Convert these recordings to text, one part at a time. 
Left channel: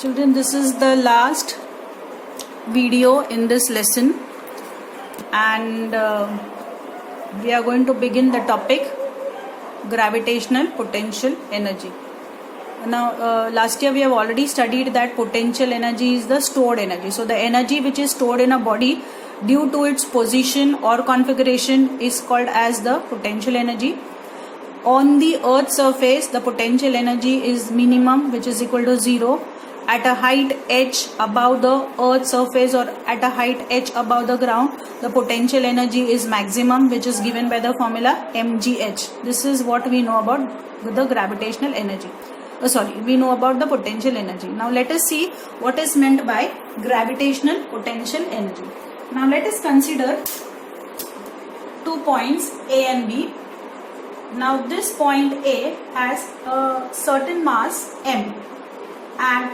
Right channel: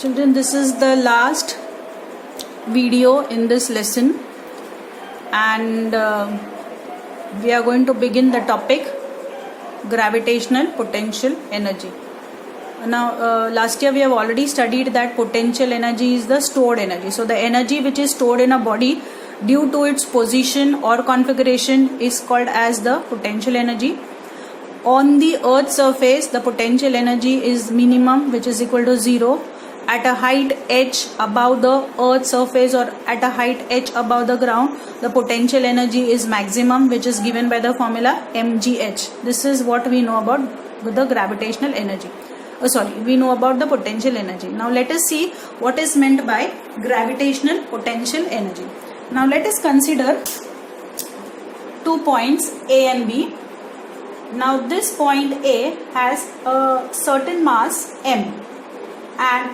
Children, this is the last video in this lesson, and we are going to begin the topic gravitational potential energy. Now, last year we have already studied that potential energy is the stored energy. So, the energy which is stored in a body due to its position or configuration is called as the potential energy. On the Earth's surface, the potential energy is minimum, which is equal to 0. At a height h above the Earth's surface or at a height h above the ground, the potential energy is maximum, which is given by the formula mgh. This is what we know about the gravitational energy. We know about the potential energy. Now let us see what is meant by gravitational potential energy. Now let us consider 2 points A and B. Now this point A has a certain mass m, and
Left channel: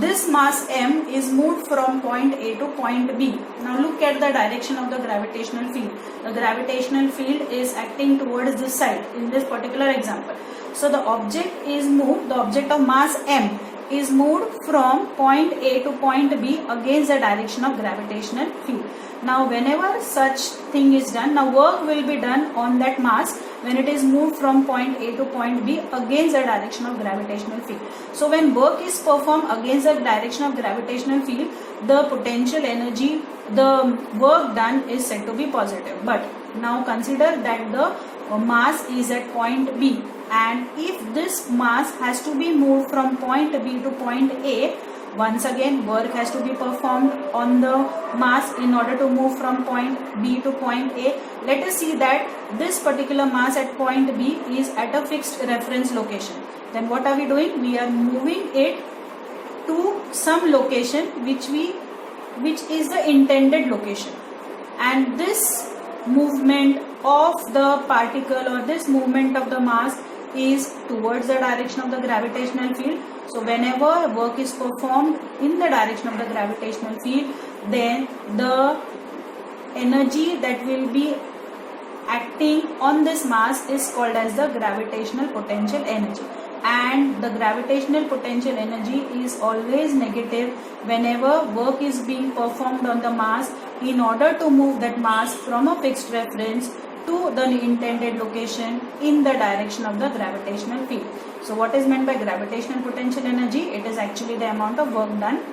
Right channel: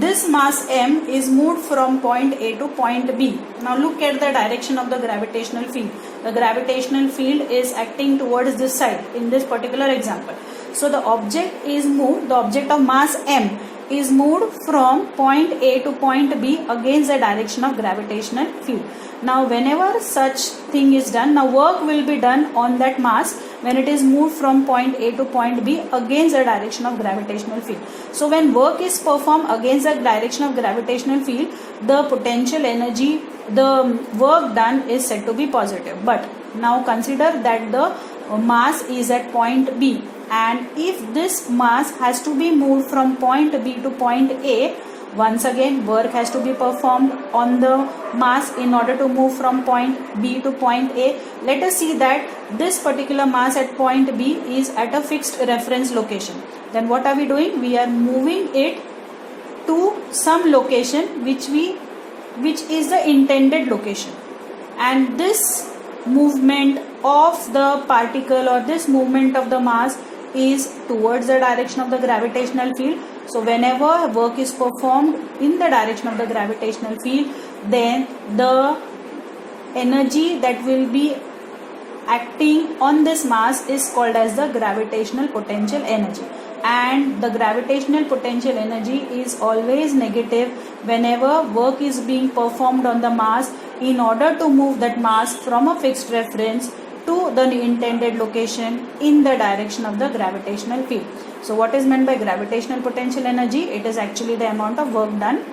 this mass m is moved from point A to point B. Now look at the direction of the gravitational field. The gravitational field is acting towards this side in this particular example. So the object is moved, the object of mass m is moved from point A to point B against the direction of gravitational field. Now whenever such thing is done, now work will be done on that mass when it is moved from point A to point B against the direction of gravitational field. So when work is performed against the direction of gravitational field, the potential energy, the work done is said to be positive. But now consider that the mass is at point B, and if this mass has to be moved from point B to point A, once again work has to be performed on the mass in order to move from point B to point A. Let us see that this particular mass at point B is at a fixed reference location. Then what are we doing? We are moving it to some location which is the intended location, and this movement of the particle or this movement of the mass is towards the direction of the gravitational field. So whenever work is performed in the direction of the gravitational field, then the energy that will be acting on this mass is called as the gravitational potential energy. And the gravitational potential energy is always negative whenever work is being performed on the mass in order to move that mass from a fixed reference to the intended location in the direction of the gravitational field. So what is meant by gravitational potential energy? It is actually the amount of work done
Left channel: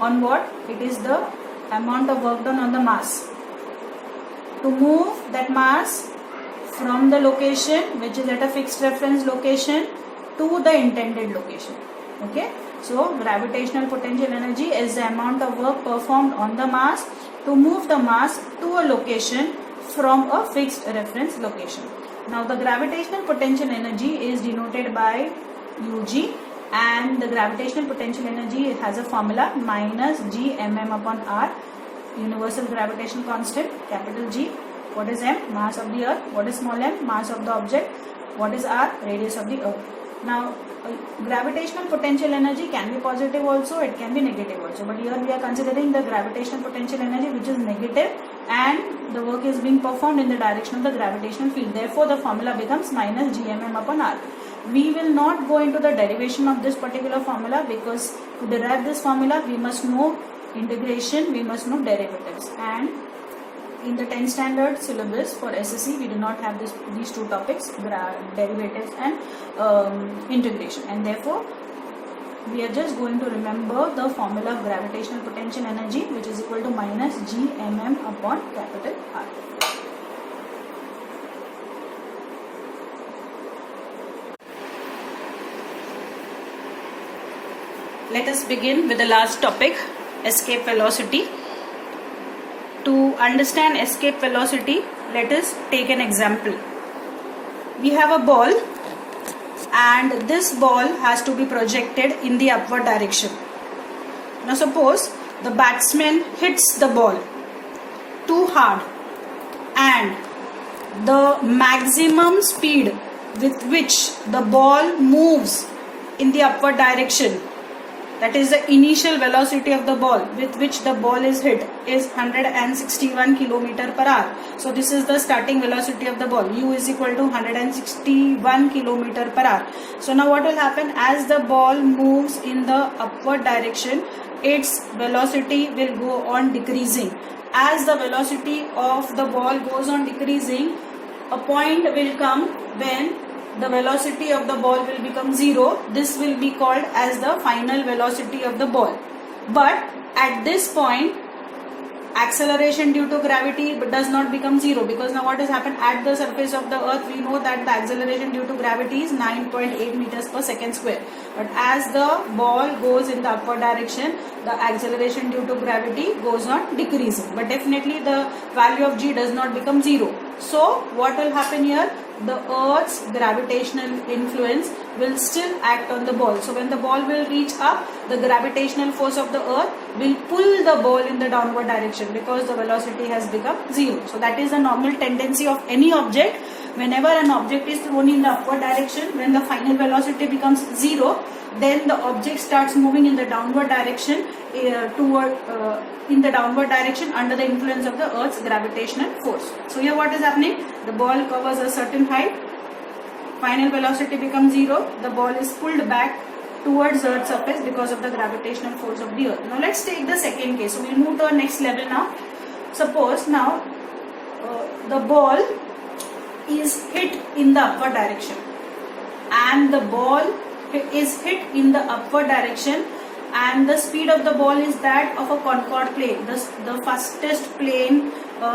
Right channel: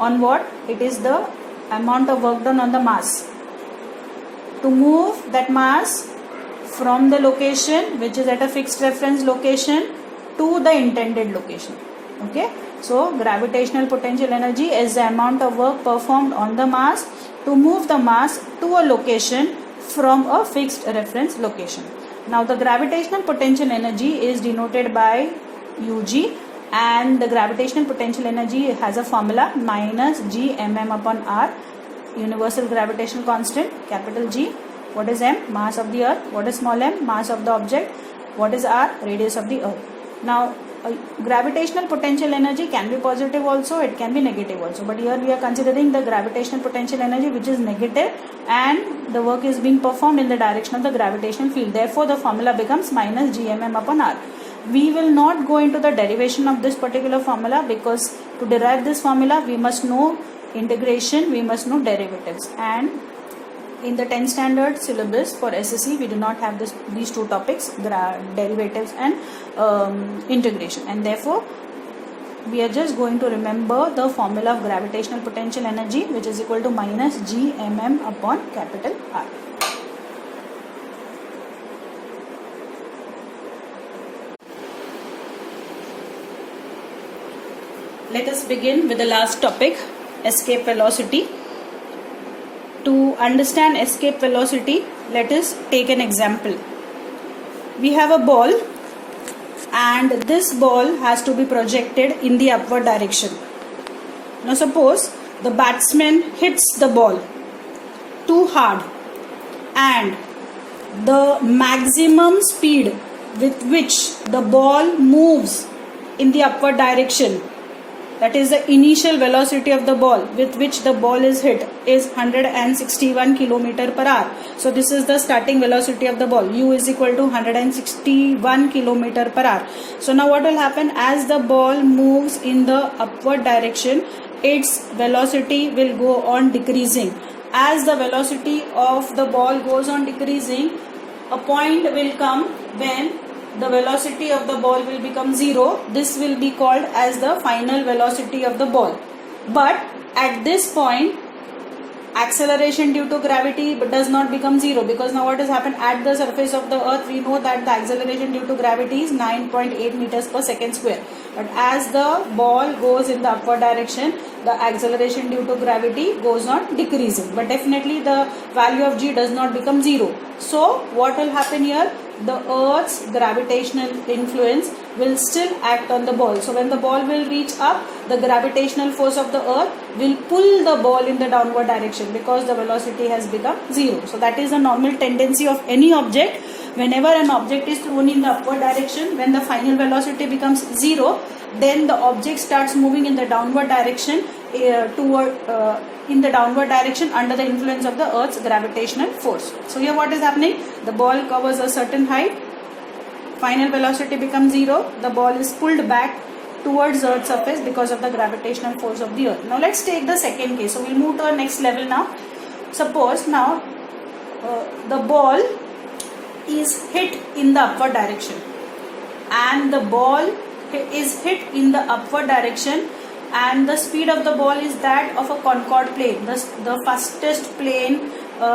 on what? It is the amount of work done on the mass to move that mass from the location which is at a fixed reference location to the intended location. Okay, so gravitational potential energy is the amount of work performed on the mass to move the mass to a location from a fixed reference location. Now the gravitational potential energy is denoted by Ug, and the gravitational potential energy has a formula minus g mm upon r, universal gravitational constant, capital G. What is m? Mass of the earth. What is small m? Mass of the object. What is r? Radius of the earth. Now gravitational potential energy can be positive also, it can be negative also, but here we are considering the gravitational potential energy which is negative, and the work is being performed in the direction of the gravitational field. Therefore the formula becomes minus g mm upon r. We will not go into the derivation of this particular formula, because to derive this formula we must know integration, we must know derivatives, and in the 10th standard syllabus for SSC we do not have these two topics, derivatives and integration, and therefore we are just going to remember the formula of gravitational potential energy, which is equal to minus g mm upon capital R. Let us begin with the last topic, escape velocity. To understand escape velocity, let us take an example. We have a ball, and this ball has to be projected in the upward direction. Now suppose the batsman hits the ball too hard, and the maximum speed with which the ball moves in the upward direction that is the initial velocity of the ball with which the ball is hit, is 161 km per hour. So this is the starting velocity of the ball. U is equal to 161 km per hour. So now what will happen, as the ball moves in the upward direction, its velocity will go on decreasing. As the velocity of the ball goes on decreasing, a point will come when the velocity of the ball will become 0. This will be called as the final velocity of the ball. But at this point, acceleration due to gravity does not become 0, because now what has happened, at the surface of the earth we know that the acceleration due to gravity is 9.8 meters per second square. But as the ball goes in the upward direction, the acceleration due to gravity goes on decreasing. But definitely the value of g does not become 0. So what will happen here? The earth's gravitational influence will still act on the ball. So when the ball will reach up, the gravitational force of the earth will pull the ball in the downward direction, because the velocity has become 0. So that is the normal tendency of any object. Whenever an object is thrown in the upward direction, when the final velocity becomes 0, then the object starts moving in the downward direction in the downward direction under the influence of the earth's gravitational force. So here what is happening? The ball covers a certain height, final velocity becomes 0, the ball is pulled back towards the earth's surface because of the gravitational force of the earth. Now let's take the second case. So we'll move to the next level now. Suppose now the ball is hit in the upward direction, and the ball is hit in the upward direction, and the speed of the ball is that of a Concorde plane, the fastest plane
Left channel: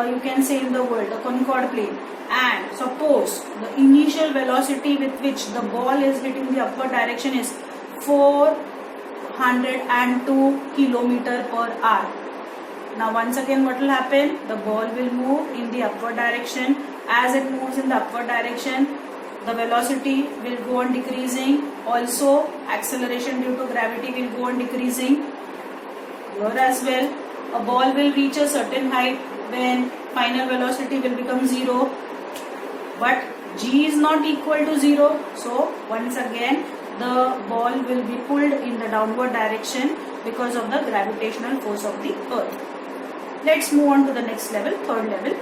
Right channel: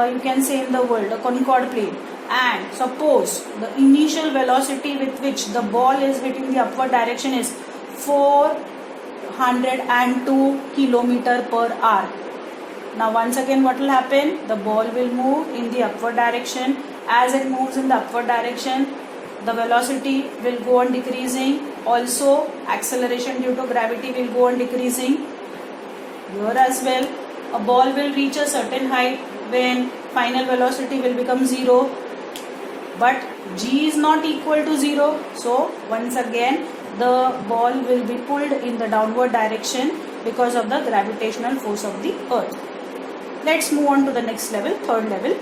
you can say in the world, the Concorde plane. And suppose the initial velocity with which the ball is hitting the upward direction is 402 km per hour. Now once again what will happen? The ball will move in the upward direction. As it moves in the upward direction, the velocity will go on decreasing. Also, acceleration due to gravity will go on decreasing. Here as well, a ball will reach a certain height when final velocity will become 0. But g is not equal to 0. So once again, the ball will be pulled in the downward direction because of the gravitational force of the earth. Let's move on to the next level, third level.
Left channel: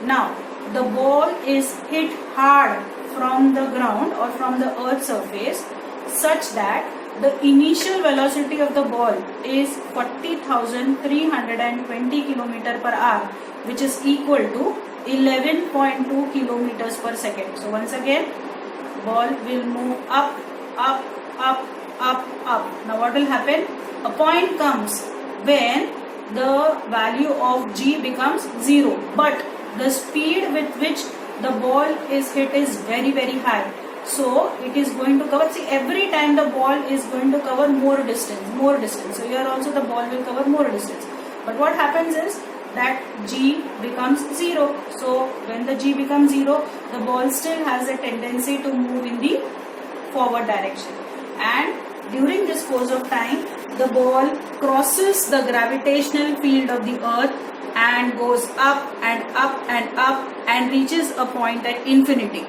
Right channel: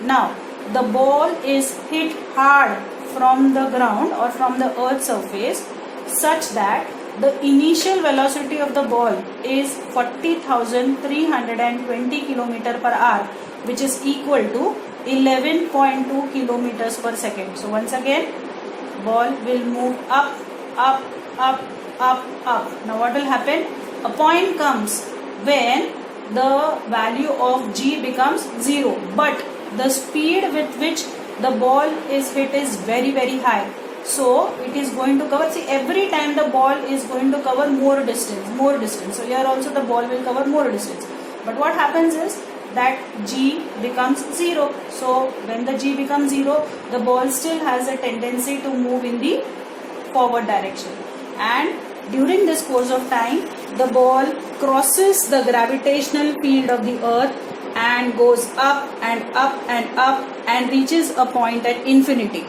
Now, the ball is hit hard from the ground or from the earth's surface such that the initial velocity of the ball is 40,320 km per hour, which is equal to 11.2 kilometers per second. So once again, ball will move up, up, up, up, up. Now what will happen? A point comes when the value of g becomes 0, but the speed with which the ball is hit is very, very high. So it is going to cover, see, every time the ball is going to cover more distance. So here also the ball will cover more distance. But what happens is that g becomes 0. So when the g becomes 0, the ball still has a tendency to move in the forward direction. And during this course of time, the ball crosses the gravitational field of the earth and goes up and up and up and reaches a point at infinity.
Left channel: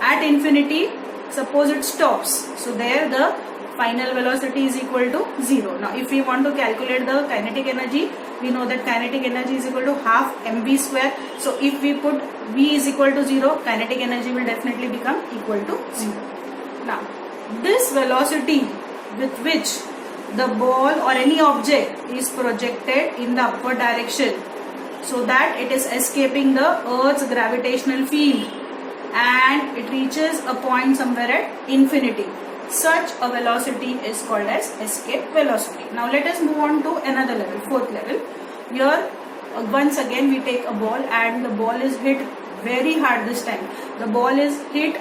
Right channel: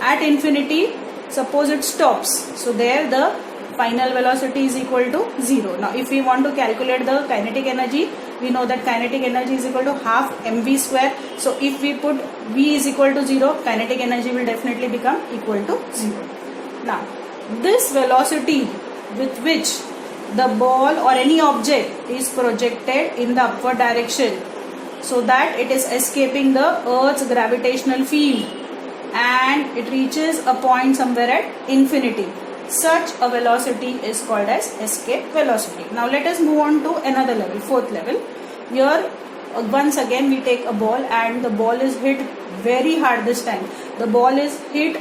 At infinity, suppose it stops. So there the final velocity is equal to 0. Now if we want to calculate the kinetic energy, we know that kinetic energy is equal to half mv square. So if we put v is equal to 0, kinetic energy will definitely become equal to 0. Now this velocity with which the ball or any object is projected in the upward direction, so that it is escaping the earth's gravitational field and it reaches a point somewhere at infinity. Such a velocity is called as escape velocity. Now let us move on to another level, fourth level. Here once again we take a ball and the ball is hit very hard this time. The ball is hit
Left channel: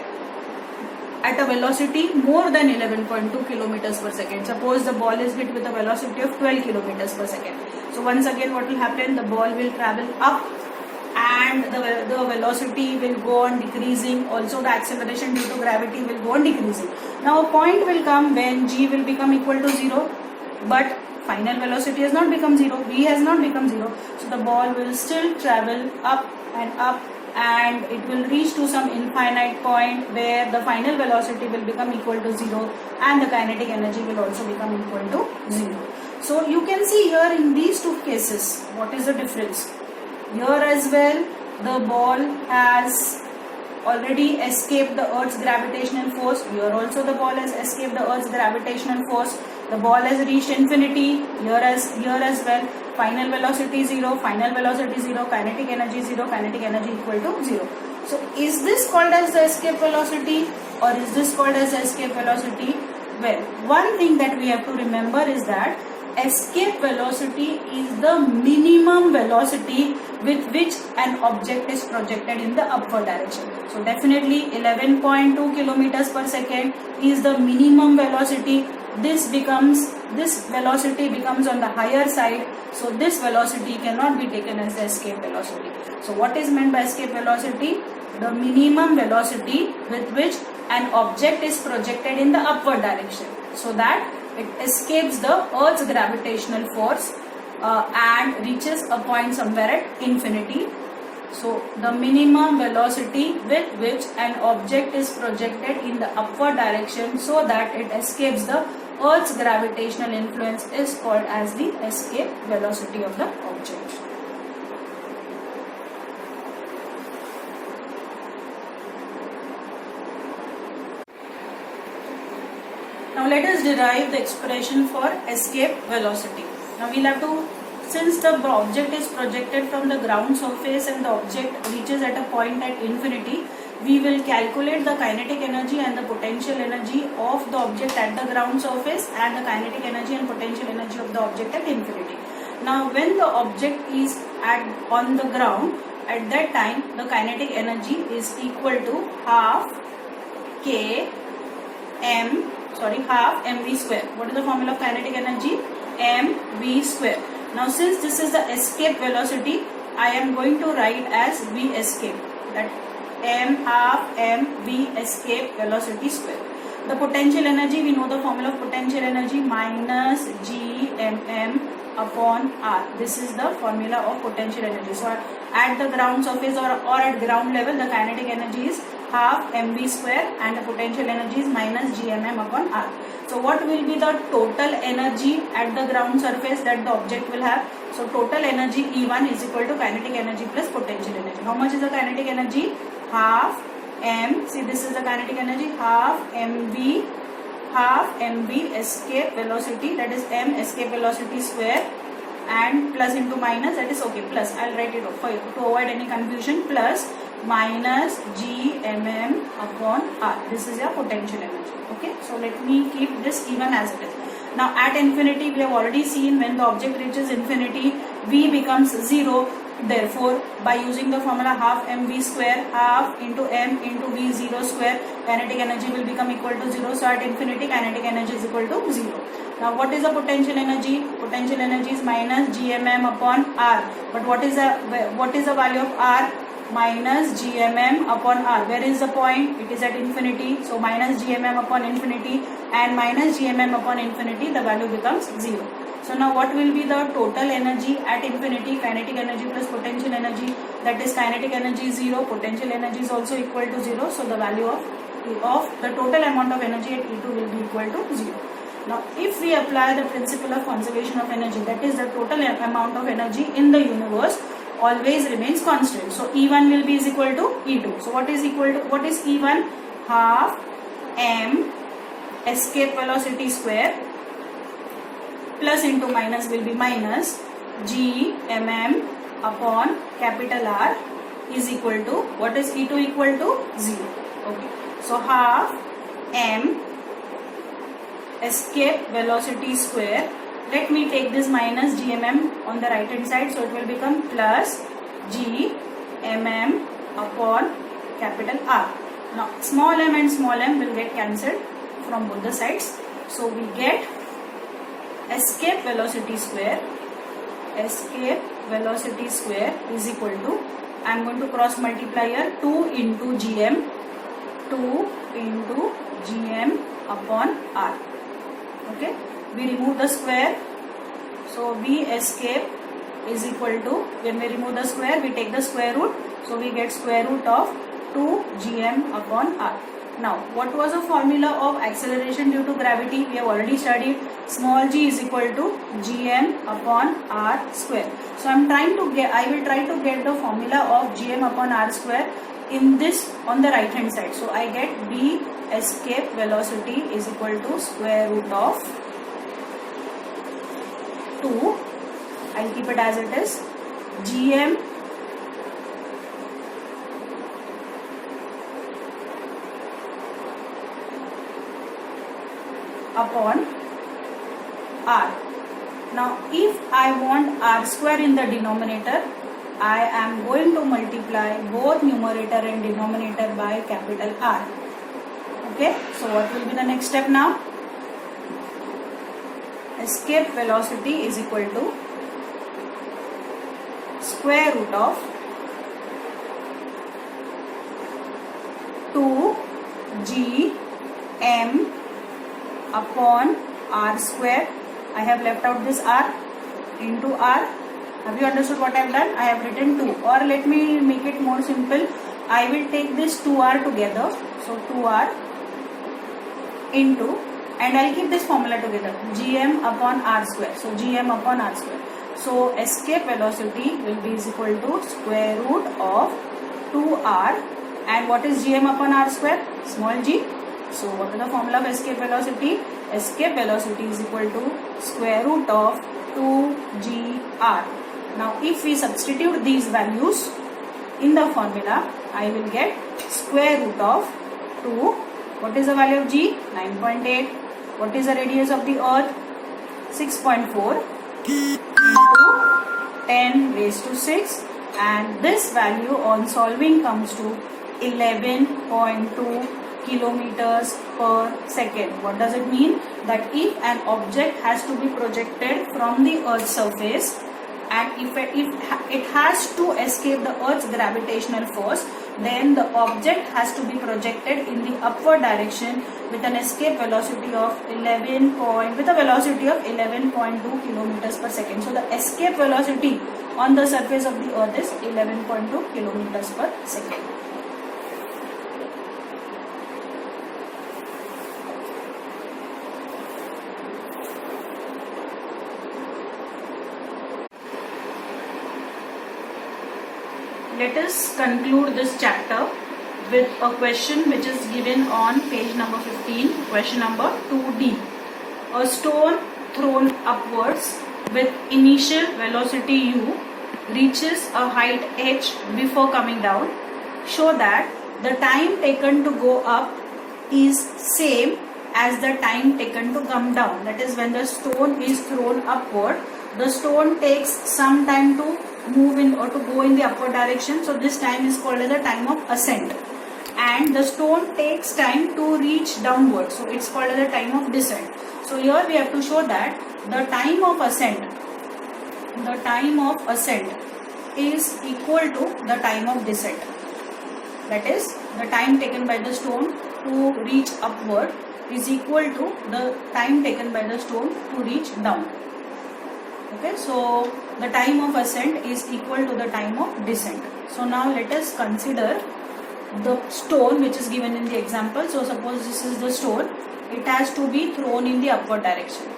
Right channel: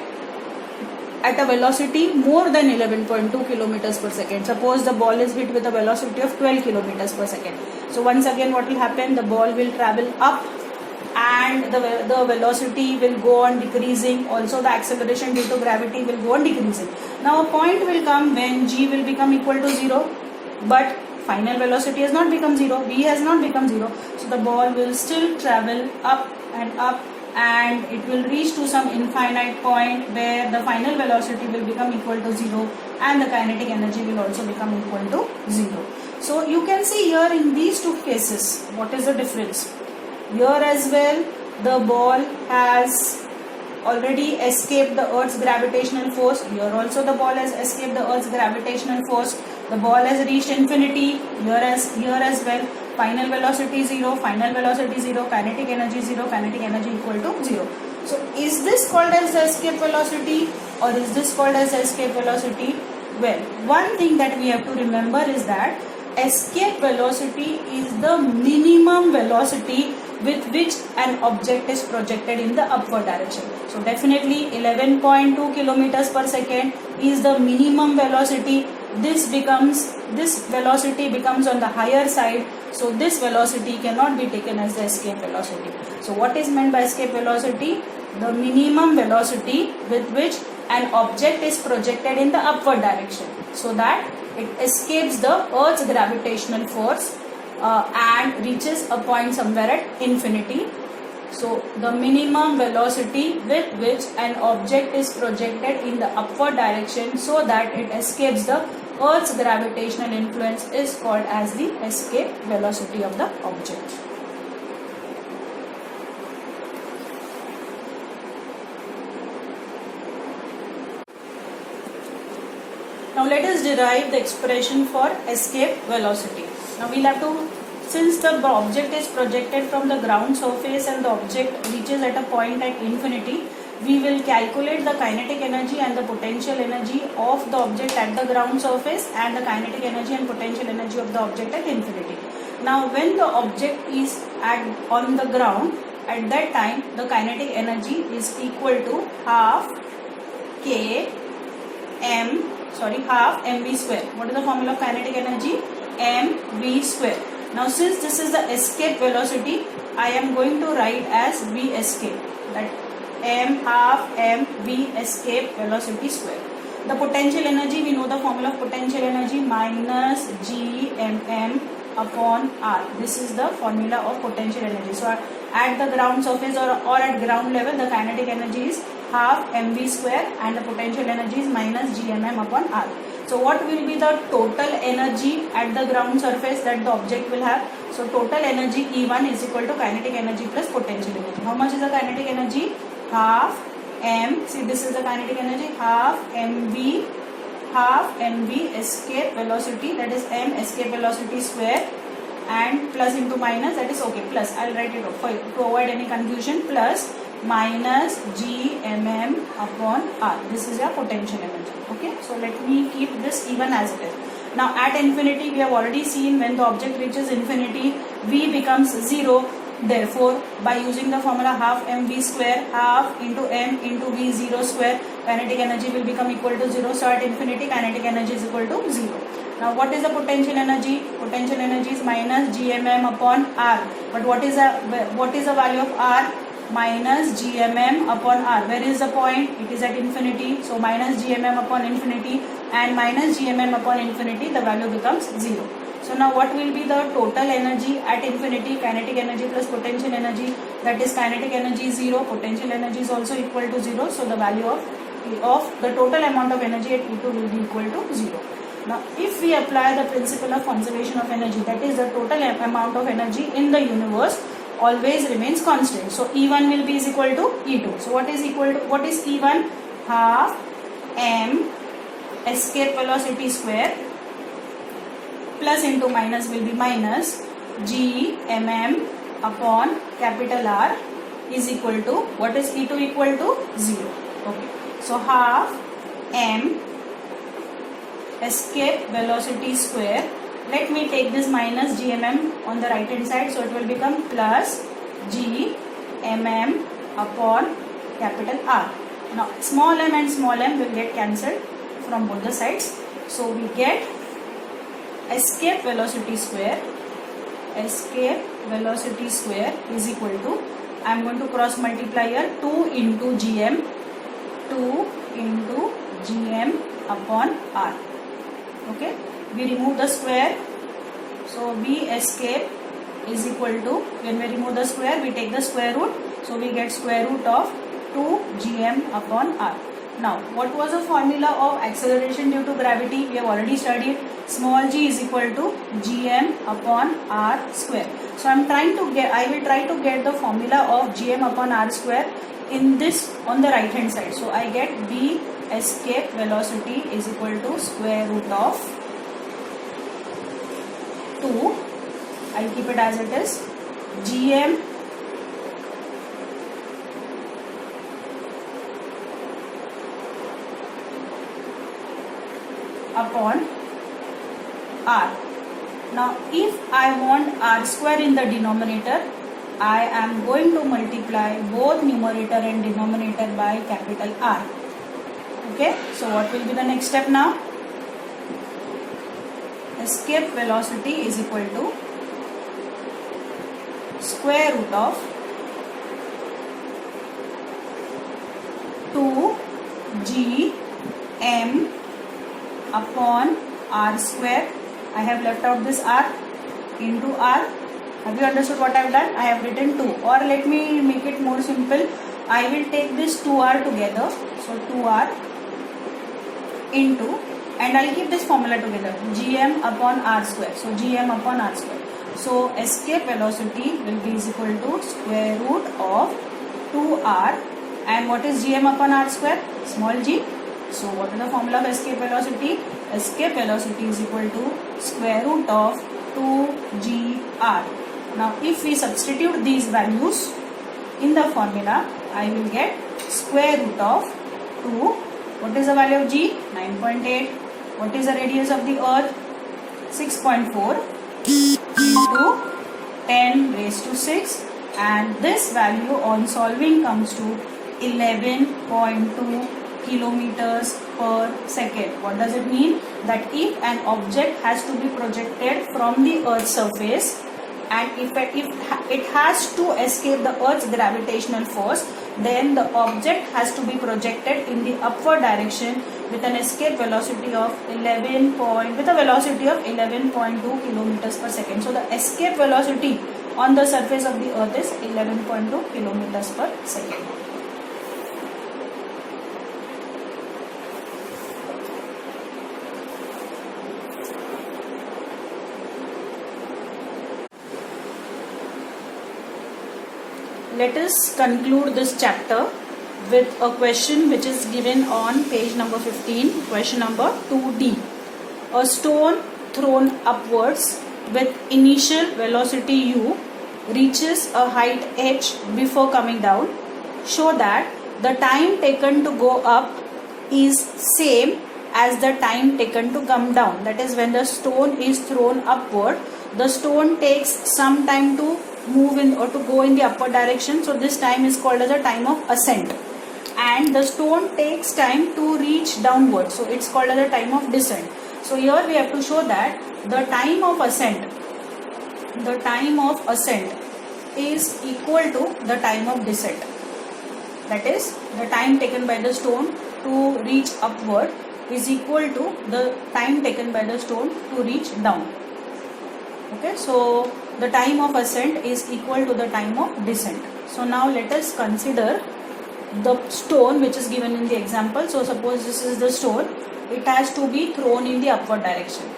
at a velocity more than 11.2 kilometers per second. Suppose the ball is hit with a velocity of 12 kilometers per second. So once again what will happen? The ball will travel up and the velocity will go on decreasing. Also the acceleration due to gravity will go on decreasing. Now a point will come when g will become equal to 0, but final velocity has not become 0, v has not become 0. So the ball will still travel up and up and it will reach to some infinite point where the final velocity will become equal to 0 and the kinetic energy will also become equal to 0. So you can see here in these two cases what is the difference. Here as well the ball has already escaped the earth's gravitational force. Here also the ball has escaped the earth's gravitational force. The ball has reached infinity here as well. Final velocity 0, final velocity 0, kinetic energy 0, kinetic energy equal to 0. So is this called as the escape velocity or is this called as the escape velocity? Well, one thing that we have to remember is that escape velocity is the minimum velocity with which an object is projected in the upward direction. So definitely 11.2 kilometers per second is the minimum velocity. This velocity becomes on the higher side. So this velocity cannot be taken as the escape velocity. So what is meant by escape velocity? The minimum velocity with which an object is projected in the upward direction so that it escapes the earth's gravitational force and reaches a point somewhere at infinity. So the minimum velocity with which an object is projected in the upward direction so that it escapes the earth's gravitational influence is called as the escape velocity of the object. Now let us derive the expression for escape velocity. Now we'll have to, since the object is projected from the ground surface and the object reaches at a point at infinity, we will calculate the kinetic energy and the potential energy of the object at the ground surface and the kinetic energy and potential energy of the object at infinity. Now when the object is on the ground, at that time the kinetic energy is equal to half mv square. What is the formula of kinetic energy? mv square. Now since this is the escape velocity, I am going to write as v escape, that m half mv escape velocity square. The potential energy, we know the formula of potential energy, minus gmm upon r. This is the formula of potential energy. So at the ground surface or at ground level, the kinetic energy is half mv square and the potential energy is minus gmm upon r. So what will be the total energy at the ground surface that the object will have? So total energy E1 is equal to kinetic energy plus potential energy. How much is the kinetic energy? Half m, see this is the kinetic energy, half mv escape velocity, that is m escape velocity square, and plus into minus, that is okay, plus, I'll write it out to avoid any confusion, plus minus gmm upon r. This is your potential energy. Okay, so let me keep this even as it is. Now at infinity, we have already seen when the object reaches infinity, v becomes 0. Therefore, by using the formula half mv square, half into m into v 0 square, kinetic energy will become equal to 0. So at infinity, kinetic energy is equal to 0. Now what is the potential energy? Potential energy is minus gmm upon r. But what is the value of r? Minus gmm upon r. Where is the point? It is at infinity. So minus gmm upon infinity and minus gmm upon infinity, the value becomes 0. So now what will be the total energy at infinity? Kinetic energy plus potential energy, that is kinetic energy is 0, potential energy is also equal to 0. So the value of the total amount of energy at E2 will be equal to 0. Now if we apply the principle of conservation of energy, that is the total amount of energy in the universe always remains constant. So E1 will be is equal to E2. So what is E1? Half m escape velocity square plus into minus will be minus gmm upon capital R is equal to, what is E2 equal to? 0. Okay. So half m escape velocity square. Let me take this minus gmm on the right hand side, so it will become plus gmm upon capital R. Now small m and small m will get cancelled from both the sides. So we get escape velocity square is equal to, I am going to cross multiply here, 2 into gm upon r. Okay, we remove the square, so v escape is equal to, when we remove the square we take the square root, So we get square root of 2 gm upon r. Now, what was the formula of acceleration due to gravity? We have already studied. Small g is equal to gm upon r square. So I will try to get the formula of gm upon r square in this on the right hand side. So I get b escape velocity is equal to square root of 2. I'll keep it as it is. gm upon r. Now if I want r square in the denominator, I am going to multiply both numerator and denominator by capital R. Okay, so what will be the next step now? Escape velocity is equal to square root of 2 g m upon r square. I have left out this r into r. Have you understood what I have done? I have written 2, or let me make it more simple. I will take this 2r together. So 2r into, and I will keep this formula together, gm upon r square. So gm upon r square. So escape velocity will be is equal to square root of 2r, and what is gm upon r square? Small g. So what is the formula of escape velocity? Escape velocity is equal to square root of 2gr. Now if we substitute these values in the formula, I will get square root of 2. What is the value of g? 9.8. What is the radius of the earth? 6.4 into 10 raised to 6, and this value on solving comes to 11.2 kilometers per second. What does it mean? That if an object has to be projected from the earth's surface, and if it has to escape the earth's gravitational force, then the object has to be projected in the upward direction with an escape velocity of 11.2 kilometers per second. So the escape velocity on the surface of the earth is 11.2 kilometers per second. Let us conclude this chapter with a question which is given on page number 15, question number 2D. A stone thrown upwards with initial velocity u reaches a height h before coming down. Show that the time taken to go up is same as the time taken to come down. That is, when the stone is thrown upward, the stone takes some time to move in or to go in the upward direction. So this time is called as a time of ascent. And the stone takes time to reach downward. So it's called as a time of descent. So here we have to show that the time of ascent is equal to the time of descent. That is, the time taken by the stone to reach upward is equal to the time taken by the stone to reach down. Okay, so the time of ascent is equal to the time of descent. So now let us consider the stone which is given in the example. So suppose this is the stone, it has to be thrown in the upward direction.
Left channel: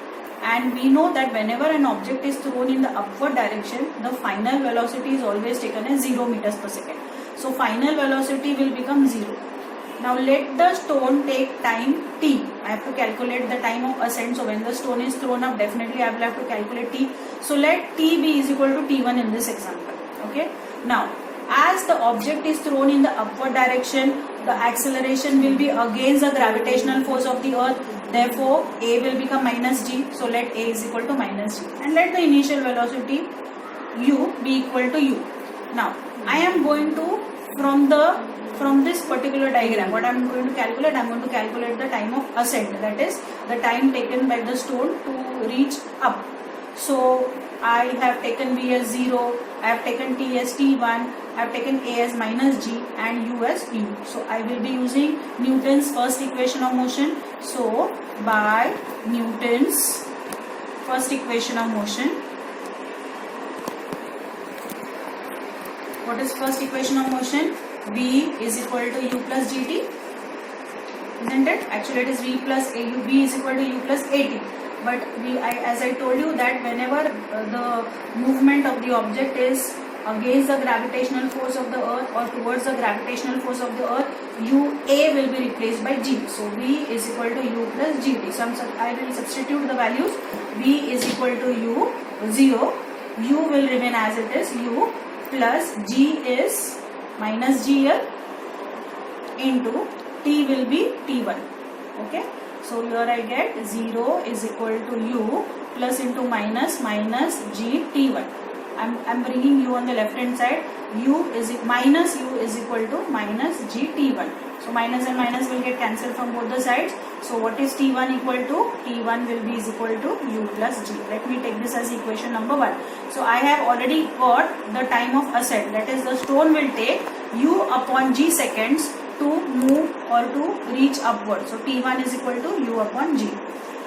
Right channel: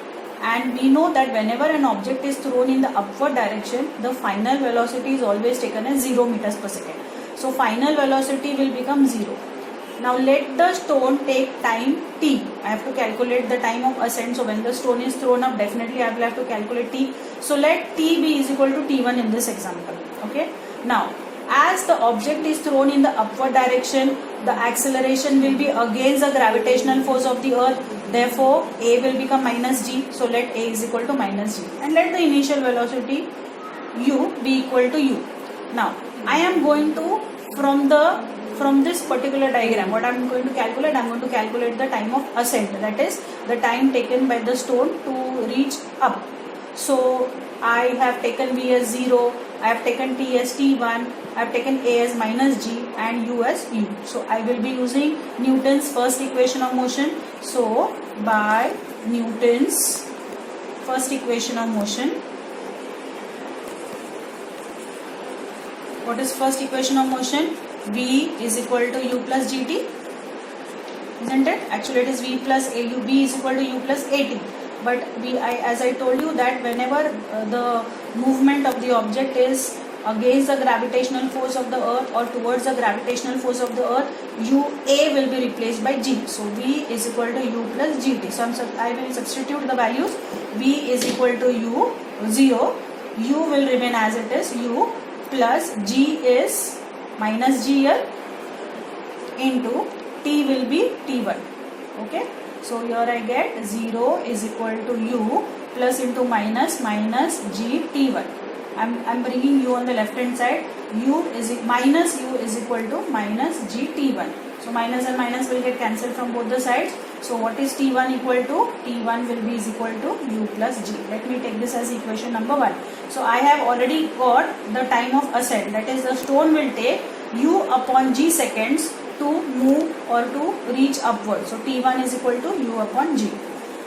And we know that whenever an object is thrown in the upward direction, the final velocity is always taken as 0 meters per second. So final velocity will become 0. Now let the stone take time t. I have to calculate the time of ascent. So when the stone is thrown up, definitely I will have to calculate t. So let t be is equal to t1 in this example. Okay. Now as the object is thrown in the upward direction, the acceleration will be against the gravitational force of the earth. Therefore a will become minus g. So let a is equal to minus g. And let the initial velocity u be equal to u. Now I am going to from this particular diagram, what I am going to calculate? I am going to calculate the time of ascent, that is the time taken by the stone to reach up. So I have taken v as 0, I have taken t as t1, I have taken a as minus g and u as u. So I will be using Newton's first equation of motion. So by Newton's first equation of motion, What is first equation of motion? V is equal to u plus gt, isn't it? Actually, it is v plus au. V is equal to u plus at. But as I told you that whenever the movement of the object is against the gravitational force of the earth or towards the gravitational force of the earth, UA will be replaced by G. So V is equal to U plus GT. So I will substitute the values. V is equal to U 0. U will remain as it is, U plus G is minus GL into T will be T1. Okay. So here I get 0 is equal to U plus into minus G T1. I'm bringing U on the left hand side. Minus U is equal to minus G T1. So minus and minus will get cancelled from both the sides. So what is T1 equal to? T1 will be is equal to U plus G. Let me take this as equation number 1. So I have already got the time of ascent. That is, the stone will take U upon G seconds to move or to reach upward. So T1 is equal to U upon G.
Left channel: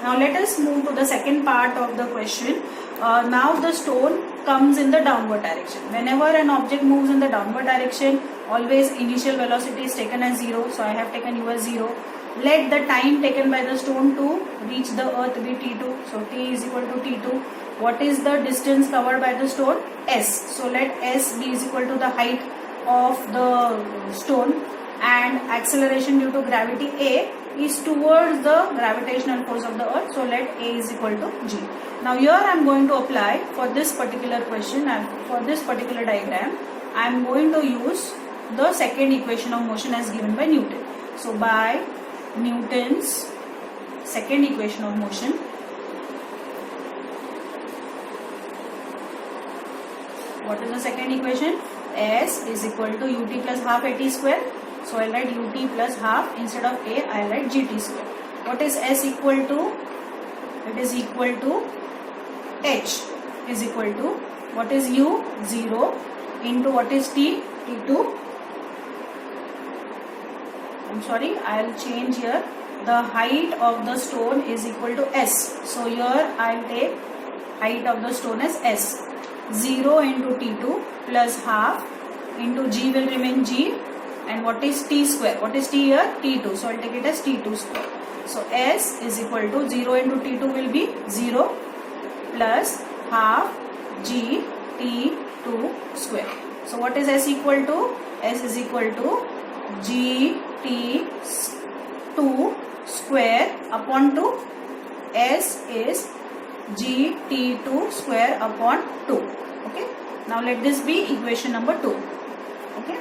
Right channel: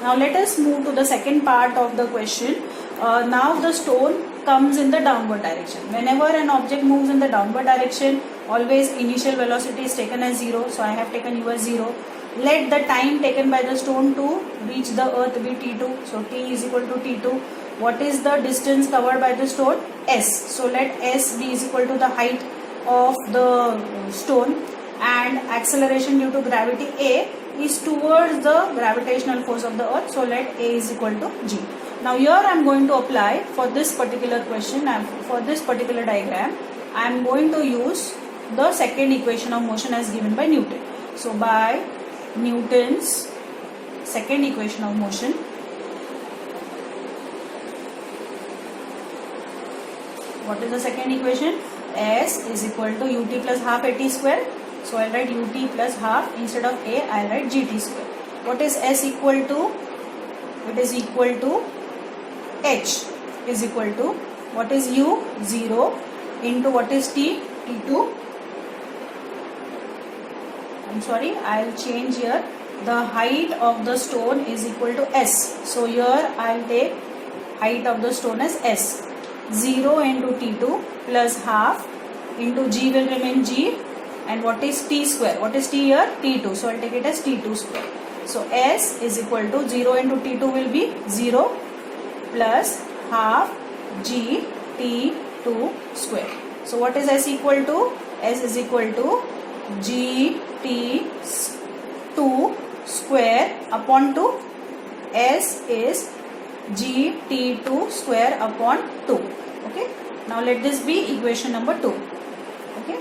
Now let us move to the second part of the question. Now the stone comes in the downward direction. Whenever an object moves in the downward direction, always initial velocity is taken as 0. So I have taken U as 0. Let the time taken by the stone to reach the earth be T2. So T is equal to T2. What is the distance covered by the stone? S. So let S be is equal to the height of the stone, and acceleration due to gravity A is towards the gravitational force of the earth. So let A is equal to G. Now here I am going to apply for this particular question and for this particular diagram I am going to use the second equation of motion as given by Newton. So by Newton's second equation of motion, what is the second equation? S is equal to ut plus half at square. So I will write ut plus half, instead of A I will write gt square. What is S equal to? It is equal to H is equal to, what is U? 0 into what is T? T2. I will change here. The height of the stone is equal to S. So here I will take height of the stone as S. 0 into T2 plus half into G will remain G. And what is T square? What is T here? T2. So I will take it as T2 square. So S is equal to 0 into T2 will be 0 plus half G T2 square. So what is S equal to? S is equal to G T2 square upon 2. S is G T2 square upon 2. Okay. Now let this be equation number 2. Okay.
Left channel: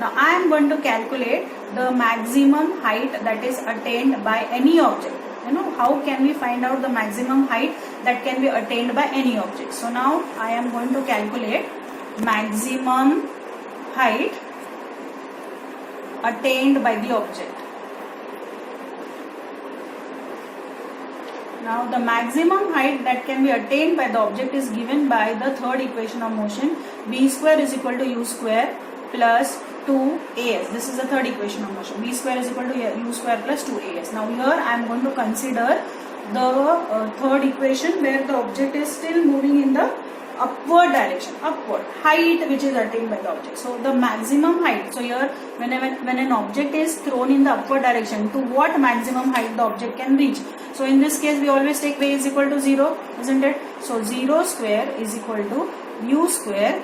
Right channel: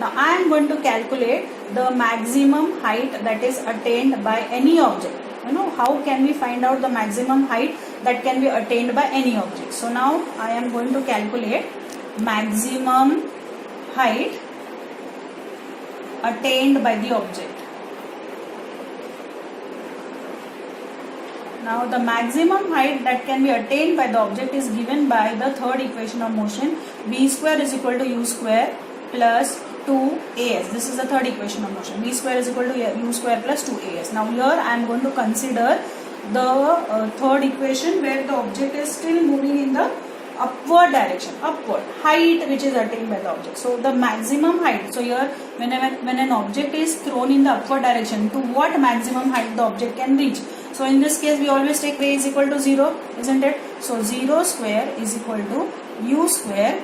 Now I am going to calculate the maximum height that is attained by any object. How can we find out the maximum height that can be attained by any object? So now I am going to calculate maximum height attained by the object. Now the maximum height that can be attained by the object is given by the third equation of motion. B square is equal to U square plus 2as. This is the third equation of motion. B square is equal to U square plus 2as. Now here I am going to consider the third equation where the object is still moving in the upward direction, upward height which is attained by the object. So the maximum height. So here when an object is thrown in the upward direction, to what maximum height the object can reach? So in this case we always take A is equal to 0, isn't it? So 0 square is equal to U square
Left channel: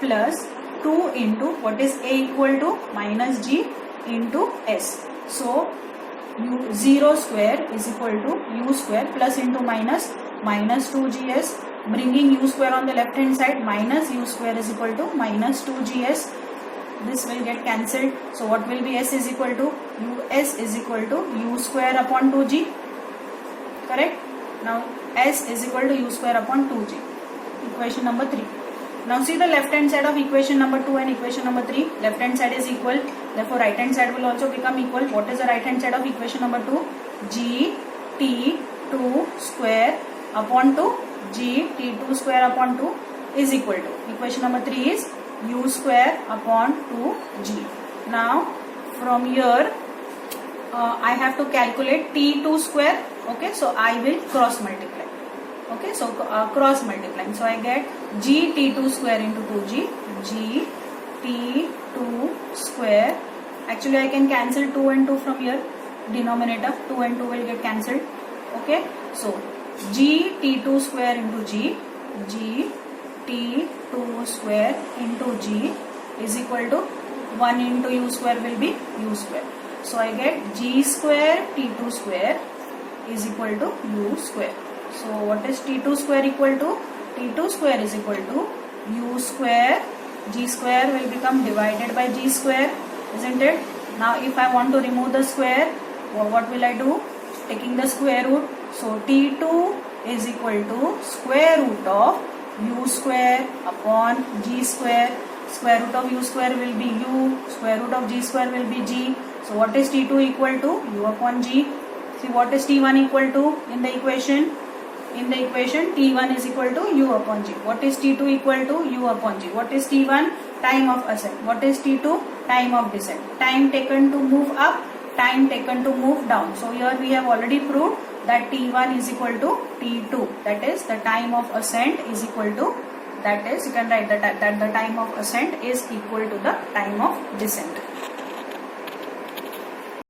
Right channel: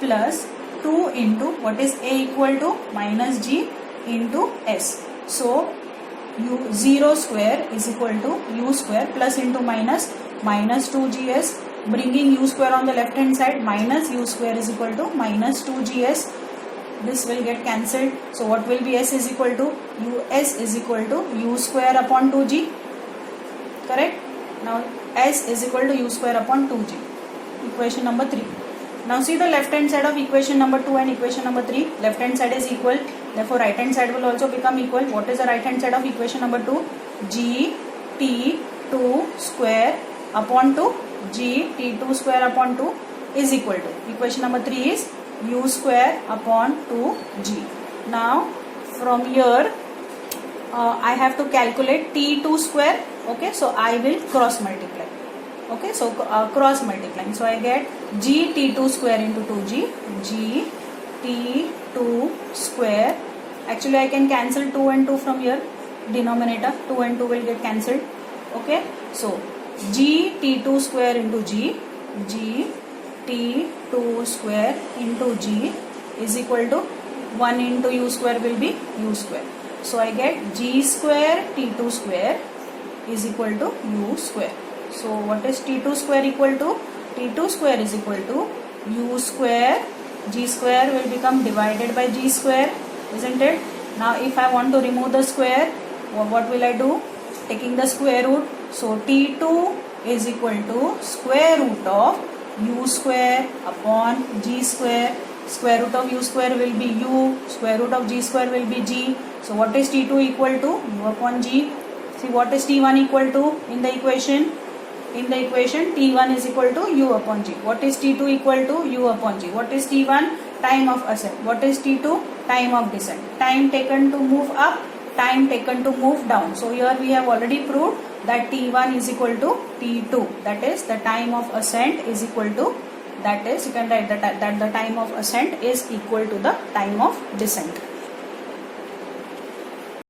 plus 2 into what is A equal to minus G into S. So 0 square is equal to U square plus into minus 2GS, bringing U square on the left hand side, minus U square is equal to minus 2GS. This will get cancelled. So what will be S is equal to? US is equal to U square upon 2G. Correct? Now S is equal to U square upon 2G. Equation number 3. Now see the left hand side of equation number 2 and equation number 3. Left hand side is equal. Therefore right hand side will also become equal. What is the right hand side of equation number 2? G T2 square upon 2. G T2 square upon 2 is equal to. Equation number 3 is U square upon 2G. Now from here I have to calculate T2 square. Okay, so I will cross multiply. Okay, so cross multiplying. So I get G T2 square into 2G. G t2 square. Actually I can cancel 2 and 2 from here, denominator 2 and 2 will get cancelled. Okay, so g t2 square into g t2 square into g is equal to 1 into u square will be u square. So I get g square t2 square is equal to u square. So what is t2 square equal to? T2 square is equal to u square. G square will become divided by g square, isn't it? Now if I want to remove the square, what will I do? Taking the square root. So t2 is equal to square root of u square upon g square. Square root of u square will be u, square root of g square will be g. So what is t2 equal to? U upon g. See, what is t1 equal to in the equation? In the equation t1 is equal to u upon g. What is t2 equal to? U upon g. What is t1? Time of ascent. What is t2? Time of descent. Time taken to move up, time taken to move down. So here we have already proved that t1 is equal to t2. That is, the time of ascent is equal to, that is, you can write that the time of ascent is equal to the time of descent.